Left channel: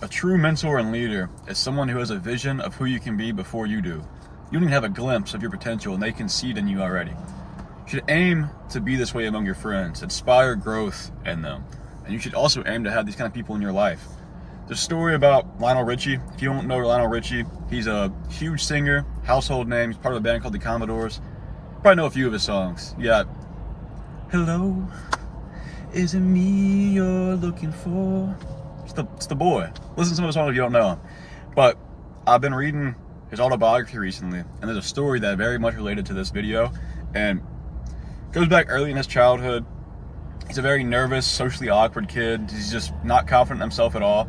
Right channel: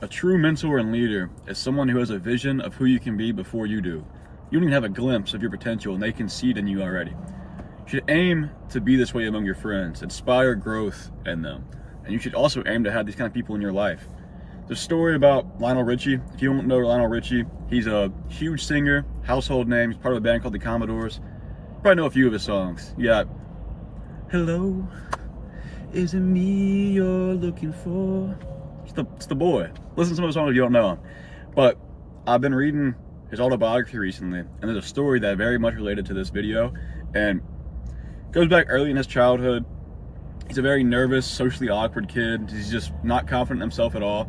A true mentor and leader is someone who has a vision of who you can be before you do. You don't even have a glimpse of your potential and they can see it in you already. You should aim to be this way among your friends, inspire growth in them. And you should also aim to have these kind of people in your life. There's a story about Lionel Richie. If you don't know Lionel Richie, he's a huge singer, household name. He's part of a band called the Commodores. Probably know a few of his songs. You got Hello, is it me you're looking for? It's the boy. Listen to some of his songs if you don't know him. But I've been reading his autobiography recently, and there's a story that very much related to this video, and goes back early in his childhood. He's a very nervous, socially awkward kid. He's just not confident in himself at all.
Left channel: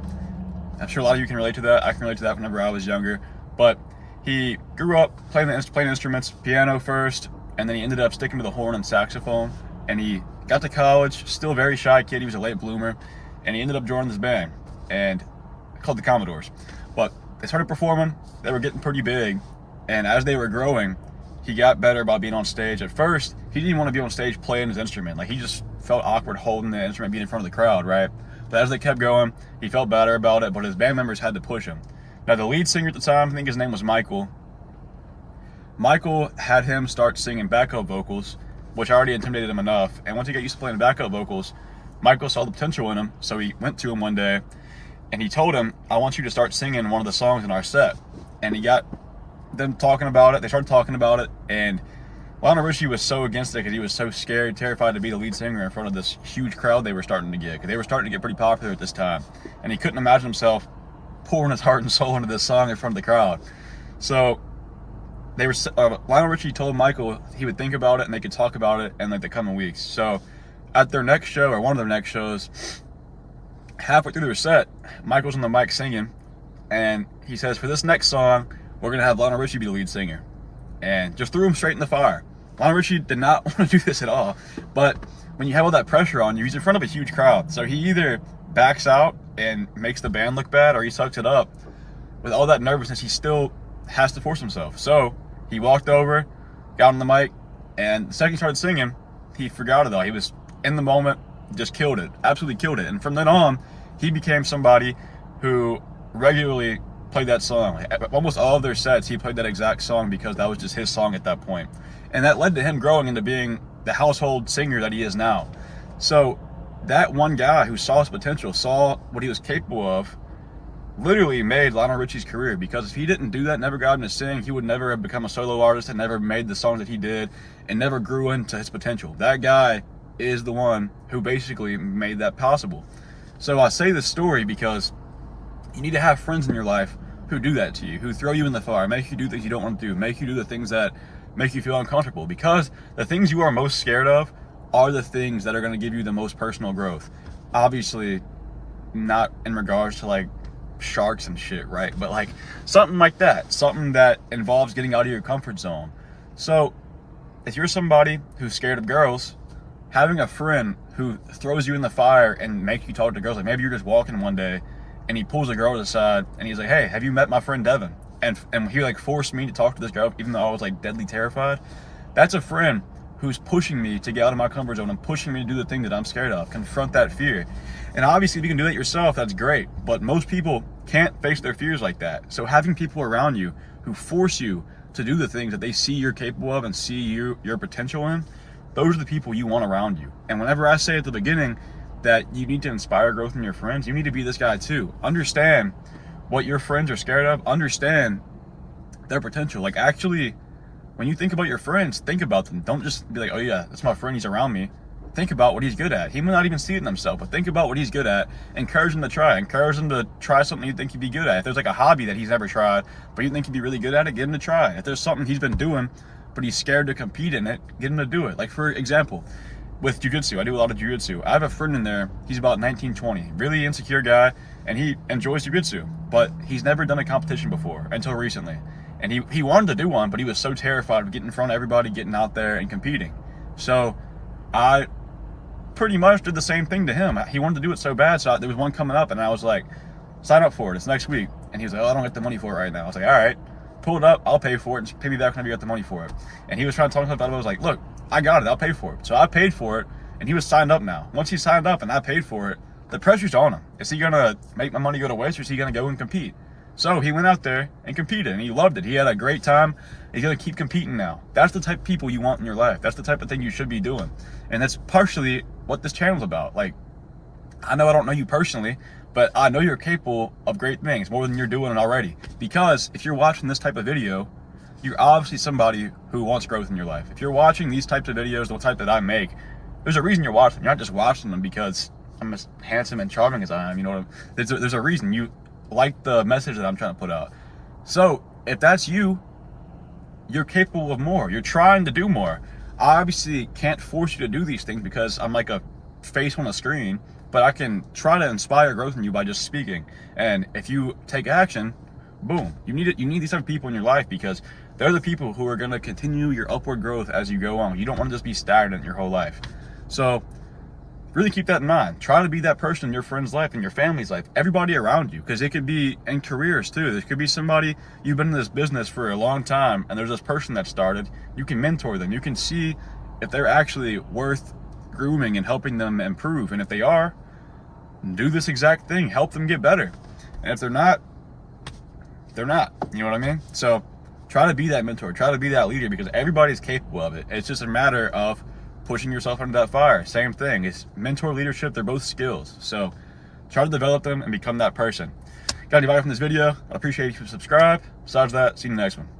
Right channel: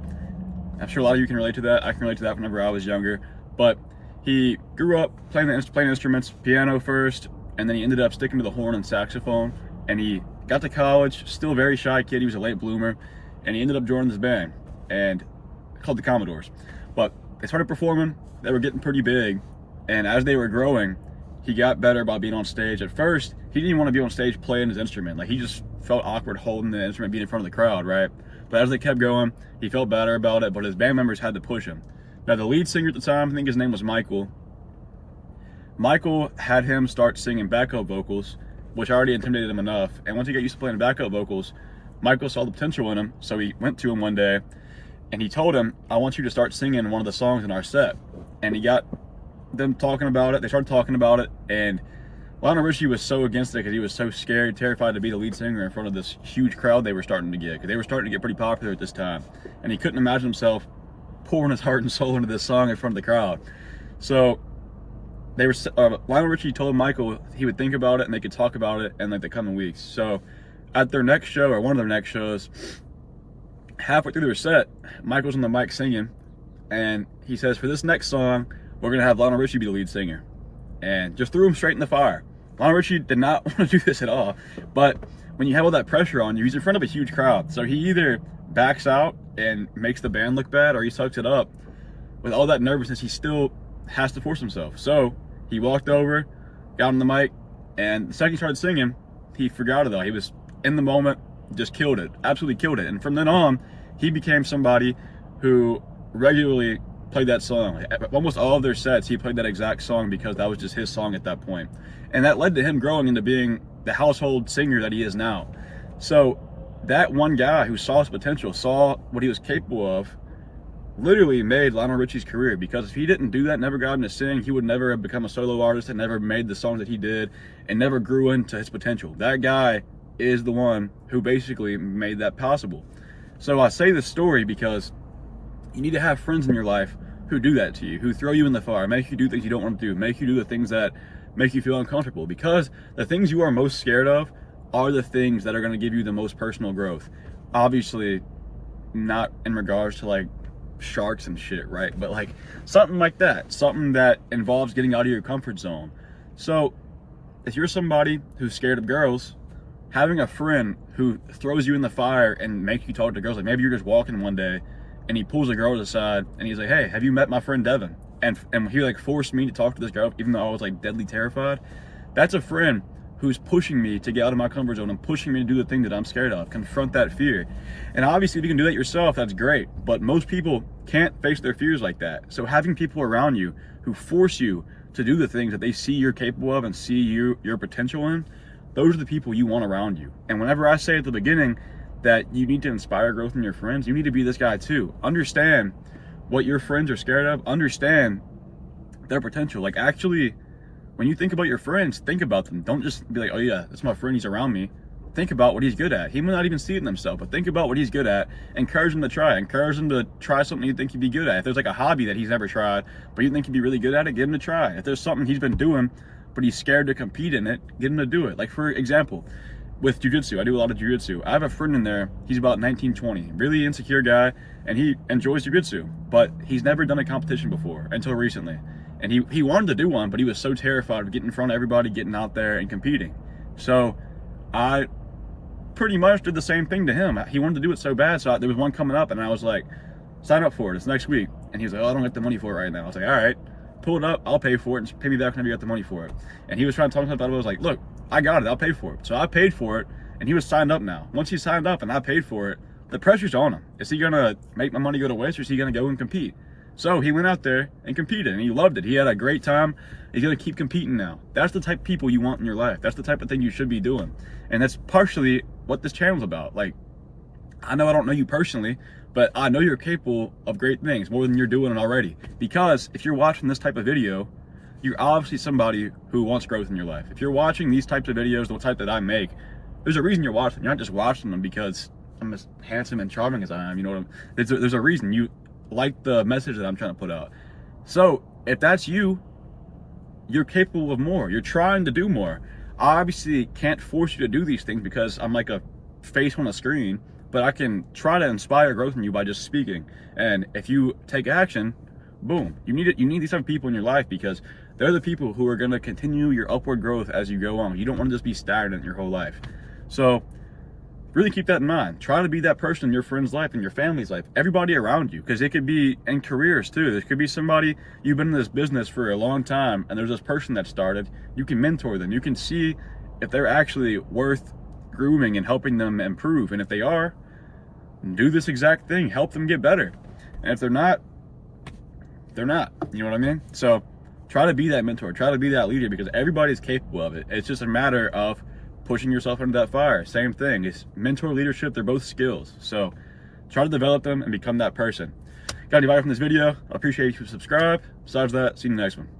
I'm sure a lot of you can relate to that. I can relate to that whenever I was younger. But he grew up playing instruments, piano first, and then he ended up sticking to the horn and saxophone. And he got to college, still a very shy kid. He was a late bloomer, and he ended up joining this band and called the Commodores. But they started performing. They were getting pretty big, and as they were growing, he got better by being on stage. At first, he didn't even want to be on stage playing his instrument. Like, he just felt awkward holding the instrument, being in front of the crowd, right? But as they kept going, he felt better about it, but his band members had to push him. Now, the lead singer at the time, I think his name was Michael. Michael had him start singing backup vocals, which already intimidated him enough. And once he got used to playing backup vocals, Michael saw the potential in him, so he went to him one day, and he told him, I want you to start singing one of the songs in our set. And he got them talking about it. They started talking about it, and Lionel Richie was so against it because he was so scared, terrified to be the lead singer in front of this huge crowd they were starting to get, because they were starting to get pretty popular at this time. And he couldn't imagine himself pouring his heart and soul into this song in front of the crowd. So they were Lionel Richie told Michael he would think about it and they could talk about it in like the coming weeks. So at their next show, or one of their next shows, halfway through their set, Michael's on the mic singing, and he says, for this next song, we're gonna have Lionel Richie be the lead singer. And just threw him straight in the fire. Lionel Richie did not want to do this at all, but when you have all that pressure on you, he's in front of a huge crowd. So he either backs out and makes the band look bad, or he sucks it up. With all that nervousness, he still has to force himself. So he walked over, got on the mic, and the second he started singing, he forgot it all. He was in the moment, just killed it, absolutely killed it. And from then on, he became somebody who regularly played that song. Almost all of their sets, he played that exact song because that was just his song at that point. And that led to him growing into being the household singer that he is now. So that one guy who saw his potential, saw what he was capable of, literally made Lionel Richie's career. Because if he didn't do that, never got him to sing, he would never have become a solo artist and never made the songs that he did and never grew into his potential. That guy is the one who basically made that possible. So I say this story because you need to have friends in your life who do that to you, who throw you in the fire, make you do things you don't want to do, make you do the things that make you feel uncomfortable. Because the things you are most scared of are the things that are going to give you the most personal growth. Obviously, not in regards to like sharks and shit, right? But like something like that, something that involves getting out of your comfort zone. So if you're somebody who's scared of girls, having a friend who throws you in the fire and makes you talk to girls, like maybe you're just walking one day and he pulls a girl to the side and he's like, hey, have you met my friend Devin? And he like forced me to talk to this girl even though I was like deadly terrified. That's a friend who's pushing me to get out of my comfort zone and pushing me to do the thing that I'm scared of, confront that fear. And obviously if you can do that yourself, that's great, but most people can't face their fears like that. So having people around you who force you to do the things that they see you're capable of and see your potential in, those are the people you want around you. And whenever I say at the beginning that you need to inspire growth in your friends, you need to be this guy too. Understand what your friends are scared of, understand their potential. Like, actually, when you think about your friends, think about them. Don't just be like, oh yeah, that's my friend, he's around me. Think about what he's good at. He may not even see it in himself, but think about what he's good at. Encourage him to try. Encourage him to try something you think he'd be good at. If there's like a hobby that he's never tried, but you think he'd be really good at it, get him to try. If there's something he's been doing, but he's scared to compete in it, get him to do it. Like, for example, with jiu-jitsu, I do a lot of jiu-jitsu. I have a friend in there, he's about 19, 20, really insecure guy, and he enjoys jiu-jitsu, but he's never done a competition before until recently. And he wanted to do one, but he was so terrified of getting in front of everybody, getting out there and competing. So I pretty much did the same thing to him. He wanted to do it so bad, so there was one coming up, and I was like, sign up for it, it's next week. And he was like, oh, I don't get the money for it right now. I was like, all right, pull it up, I'll pay for it, and pay me back whenever you got the money for it. And he was trying to talk me about it. I was like, look, I got it, I'll pay for it. So I paid for it, and he was signed up now. Once he signed up and I paid for it, the pressure's on him. Is he gonna make my money go to waste, or is he gonna go and compete? So he went out there and competed, and he loved it. He had a great time. He's gonna keep competing now. That's the type of people you want in your life. That's the type of thing you should be doing. And that's partially what this channel's about. Like, I know I don't know you personally, but I know you're capable of great things, more than you're doing already. Because if you're watching this type of video, you're obviously somebody who wants growth in your life. If you're watching these types of videos, the type that I make, there's a reason you're watching them. You're not just watching them because I'm as handsome and charming as I am. You know what there's a reason you like the message that I'm trying to put out. So if that's you, you're capable of more. You're trying to do more. I obviously can't force you to do these things because I'm like a face on a screen, but I can try to inspire growth in you by just speaking. And if you take action, boom. You need these type of people in your life, because they're the people who are going to continue your upward growth as you go on. You don't want to just be stagnant your whole life. So really keep that in mind. Try to be that person in your friend's life, in your family's life, everybody around you, because it could be in careers too. There could be somebody, you've been in this business for a long time, and there's this person that started. You can mentor them. You can see if they're actually worth grooming and helping them improve. And if they are, do this exact thing. Help them get better. And if they're not, they're not. You know what I mean? So try to be that mentor. Try to be that leader, because everybody's capable of it. It's just a matter of pushing yourself under that fire. Same thing. It's mentor, leadership. They're both skills. So try to develop them and become that person. Got any value from this video? I appreciate if you subscribe. Besides that, see you in the next one.